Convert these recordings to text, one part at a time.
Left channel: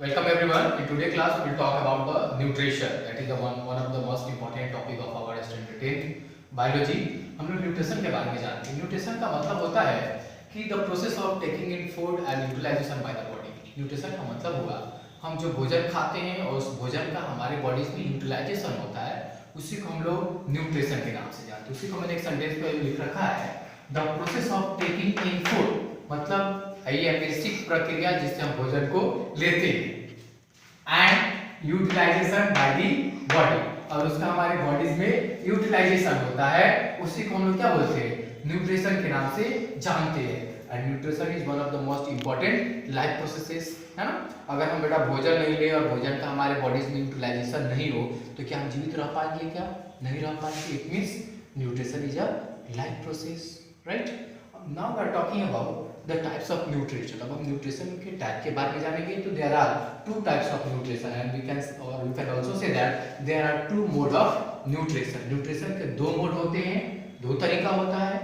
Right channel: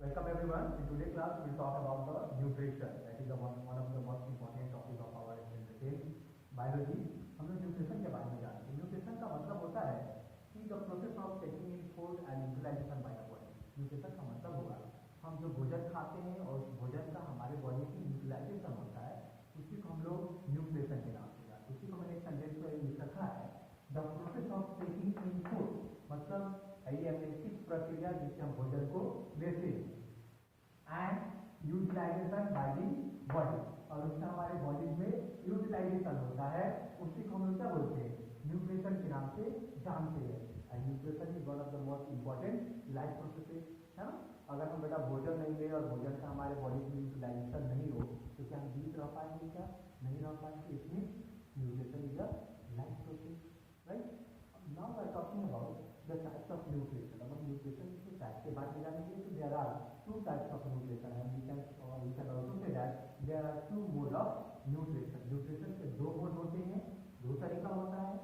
Welcome everyone. In today's class, we will talk about the nutrition. That is the one of the most important topic of our standard 10 biology. हम लोग nutrition के बारे में जानते हैं. Nutrition का मतलब होता है कि the process of taking in food and utilization by the body. Nutrition का मतलब हुआ हम जो भोजन खाते हैं और उस भोजन का हमारे बॉडीज में यूटिलाइजेशन होता है, उसी को हम लोग न्यूट्रिशन के नाम से जानते हैं. उसी को मैंने एक सेंटेंस पे लिख रखा है, the process of taking in food. मतलब ये बेसिक प्रक्रिया जिससे हम भोजन को लेते हैं and utilization by the body, और उसका हमारे बॉडीज में यूटिलाइजेशन होता है, उसी को हम लोग क्या बोलते हैं, न्यूट्रिशन के नाम से जानते हैं. And nutrition is one of the most important life processes, है ना. अगर हम बेटा भोजन नहीं ले और भोजन का हमारे बॉडीज में यूटिलाइजेशन नहीं हो तो क्या हम जीवित रह पाएंगे? क्या नहीं रह पाएंगे. It means nutrition is a life process, right. Now we are talking about the types of nutrition. अब हम न्यूट्रिशन के टाइप के बारे में जानेंगे. तो there are two types of nutrition and we can also say that there are two mode of nutrition. Nutrition के दो मोड होते हैं, दो तरीका होता है.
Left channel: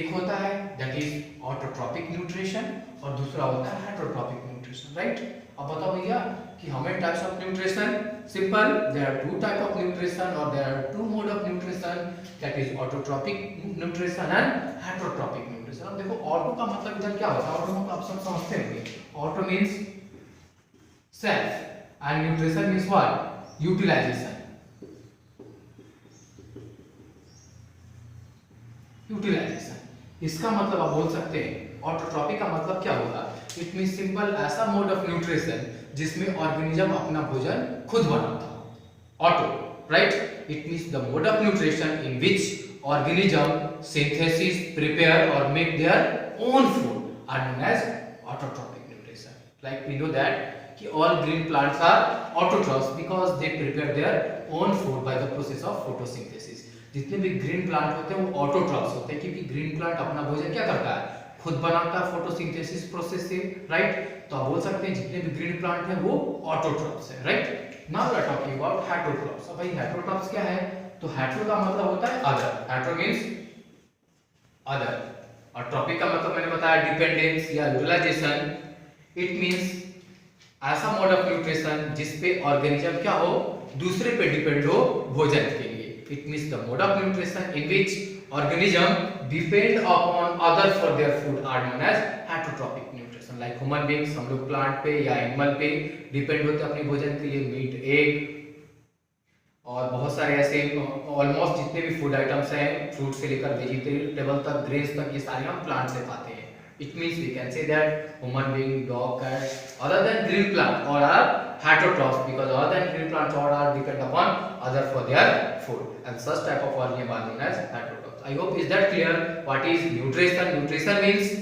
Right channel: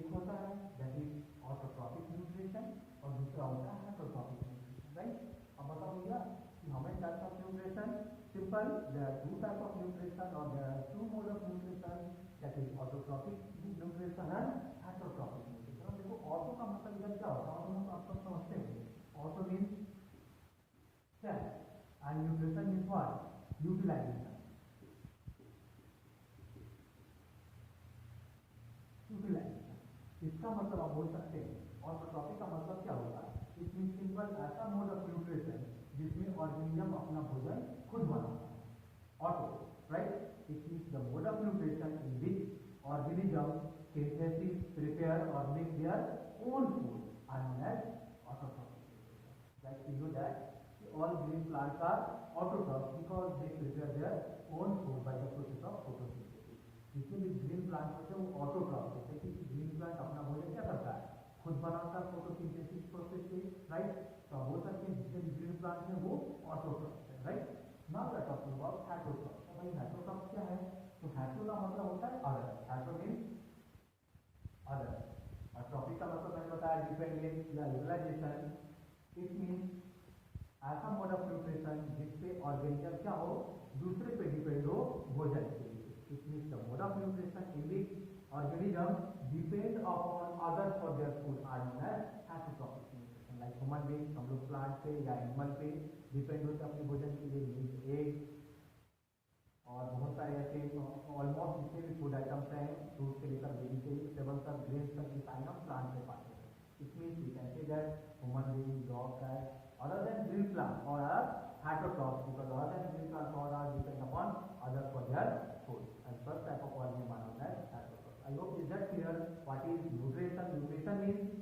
एक होता है that is autotrophic nutrition और दूसरा होता है heterotropic nutrition, right. अब बताओ भैया कि how many types of nutrition? Simple, there are two type of nutrition or there are two mode of nutrition, that is autotrophic nutrition and heterotropic nutrition. अब देखो ऑटो का मतलब इधर क्या होता है, ऑटो को आप सब समझते होंगे. Auto means self and nutrition means what, utilization. Utilization इसका मतलब आप बोल सकते हैं. ऑटोट्रॉपिक का मतलब क्या होगा, इट मींस सिंपल ऐसा मोड ऑफ न्यूट्रिशन जिसमें ऑर्गेनिज्म अपना भोजन खुद बनाता हो. Auto, right. It means the mode of nutrition in which organism synthesis, prepare or make their own food are known as autotrophic nutrition. Like we know that कि all green plants are autotrophs because they prepare their own food by the process of photosynthesis. जितने भी green plant होते हैं वो autotrophs होते हैं क्योंकि green plant अपना भोजन क्या करता है, खुद बनाता है फोटोसिंथेसिस प्रोसेस से, राइट. तो आप बोल सकते हैं जितने भी ग्रीन प्लांट हैं वो ऑटोट्रॉफ्स है, right. Now we are talking about heterotrophs. अब भाई हेटेरोट्रॉफ्स क्या है, तो हेटेरो का मतलब होता है अदर. हेटेरो मींस अदर और ट्रॉपिक का मतलब मैंने बताया डिपेंडेंस या यूटिलाइजेशन. इट मींस ऐसा मोड ऑफ न्यूट्रिशन जिस पे ऑर्गेनिज्म क्या हो, दूसरे पे डिपेंड हो भोजन के लिए. It means the mode of nutrition in which organism depend upon other for their food are known as heterotrophic nutrition. Like human beings, हम लोग प्लांट पे या एनिमल पे डिपेंड होते हैं अपने भोजन के लिए. मीट, एग और बहुत सारे ऐसे ऑलमोस्ट जितने भी फूड आइटम्स हैं, फ्रूट से लेकर वेजिटेबल तक, ग्रेन्स तक, ये सारे हम प्लांट से खाते हैं. It means we can say that human being, dog, cat other than green plant are are heterotrophs because other than green plants are are depend upon other for their food and such type of organism are known as heterotrophs. I hope is that clear what is nutrition. Nutrition means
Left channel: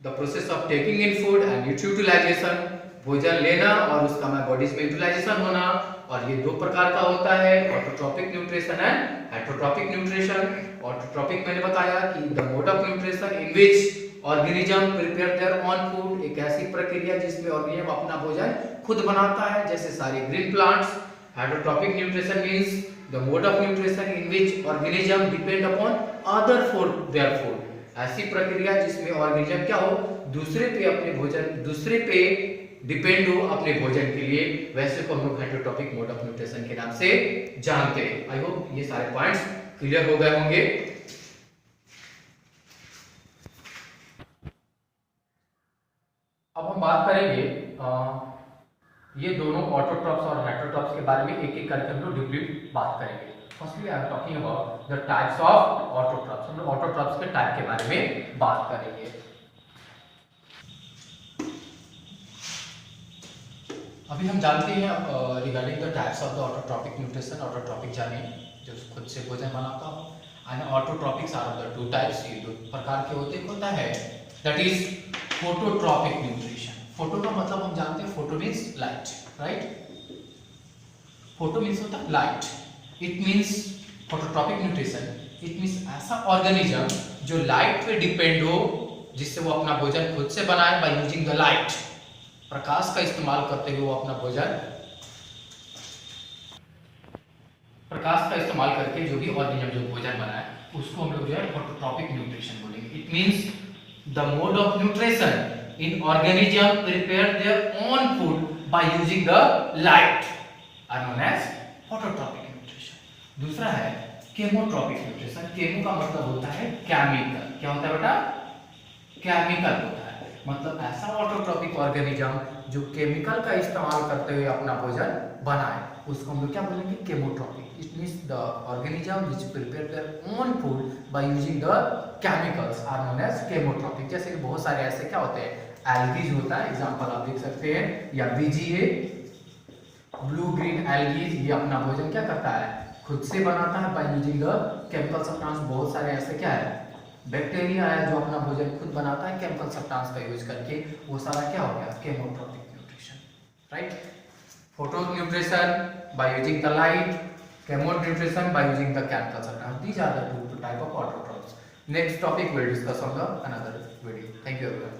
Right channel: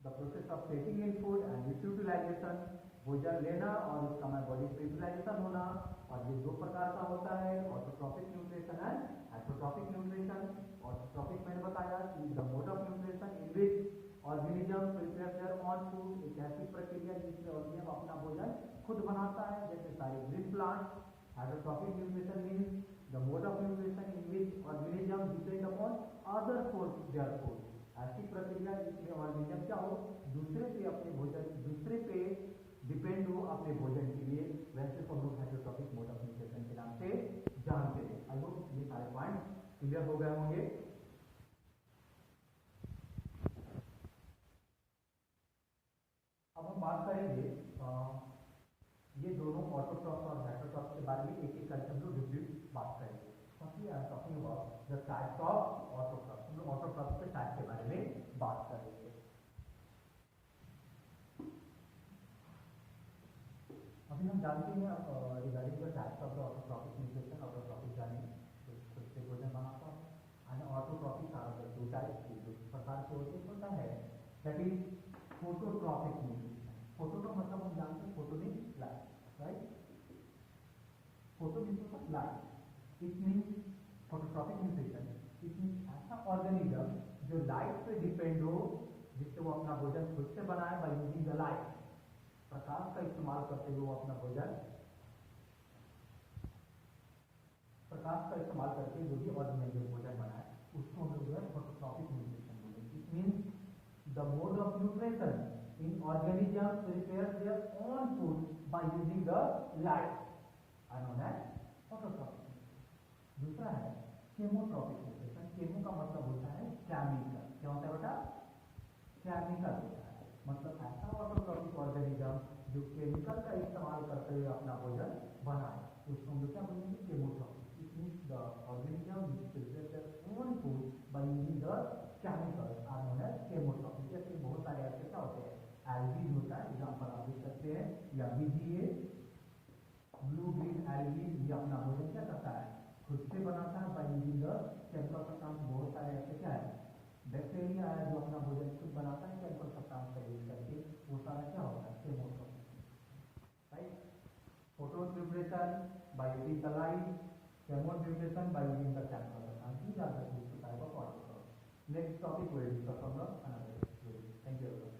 the process of taking in food and its utilization. भोजन लेना और उसका हमारे bodies में utilisation होना. और ये दो प्रकार का होता है, autotrophic nutrition and heterotrophic nutrition. Autotrophic मैंने बताया कि the mode of nutrition in which organism prepare their own food, एक ऐसी प्रक्रिया जिसमें ऑर्गेनिज्म अपना भोजन खुद बनाता है जैसे सारे green plants. Heterotrophic nutrition means the mode of nutrition in which organism depend upon other for their food. ऐसी प्रक्रिया जिसमें ऑर्गेनिज्म क्या हो, दूसरे पे अपने भोजन, दूसरे पे डिपेंड हो अपने भोजन के लिए. वैसे को हम लोग हेटेरोट्रॉपिक मोड ऑफ न्यूट्रिशन के नाम से जानते हैं. आई होप ये सारे पॉइंट्स क्लियर हो गए होंगे. अब हम बात करेंगे ये दोनों ऑटोट्रॉफ्स और हेटेरोट्रॉफ्स के बारे में एक एक करके हम लोग डीपली बात करेंगे. Firstly I am talking about the types of autotrophs. हम लोग ऑटोट्रॉफ्स के टाइप के बारे में बात करेंगे. अभी हम जानते हैं regarding the types of the autotrophic nutrition. Autotrophic जाने जो खुद से भोजन बनाता हो, and autotrophics are of the two types. ये दो प्रकार के होते हैं. होता है that is phototrophic nutrition. Photo का मतलब हम जानते हैं, photo means light, right. Photo means होता है light. It means phototrophic nutrition, it means ऐसा ऑर्गेनिज्म जो लाइट पे डिपेंड हो, जिससे वो अपना भोजन खुद से बनाए बाय यूजिंग द लाइट. प्रकाश का इस्तेमाल करते हुए वो अपना भोजन, प्रकाश का इस्तेमाल करके जो भी ऑर्गेनिज्म जो भोजन बनाए उसको हम लोग जो है फोटोट्रॉपिक न्यूट्रिशन बोलेंगे. It means the mode of nutrition in organism prepare their own food by using the light are known as phototropic nutrition। दूसरा है केमोट्रोपिक न्यूट्रिशन। केमो का मतलब होता है केमिकल। क्या होता है बेटा? केमिकल होता है, मतलब ऐसा ऑटोट्रोपिक ऑर्गेनिज्म जो केमिकल का इस्तेमाल करते हुए अपना भोजन बनाए, उसको हम लोग क्या बोलेंगे? Chemotrophic. It means the organism which prepare their own food by using the chemicals are known as chemotrophic. जैसे कि बहुत सारे ऐसे क्या होते हैं, एल्गीज होता है, एग्जांपल आप देख सकते हैं, या बीजीए ब्लू ग्रीन एल्गीज, ये अपना भोजन क्या करता है? खुद से बनाता है bye using the chemical substance. बहुत सारे ऐसे क्या है, बैक्टीरिया है जो अपना भोजन खुद बनाता है केमिकल सब्सटेंस का यूज करके, वो सारा क्या हो गया? Chemotrophic nutrition, right. Photo nutrition by using the light, chemo nutrition by using the chemical substance. These are the two type of autotrophs. Next topic we'll discuss on the another video. Thank you everyone.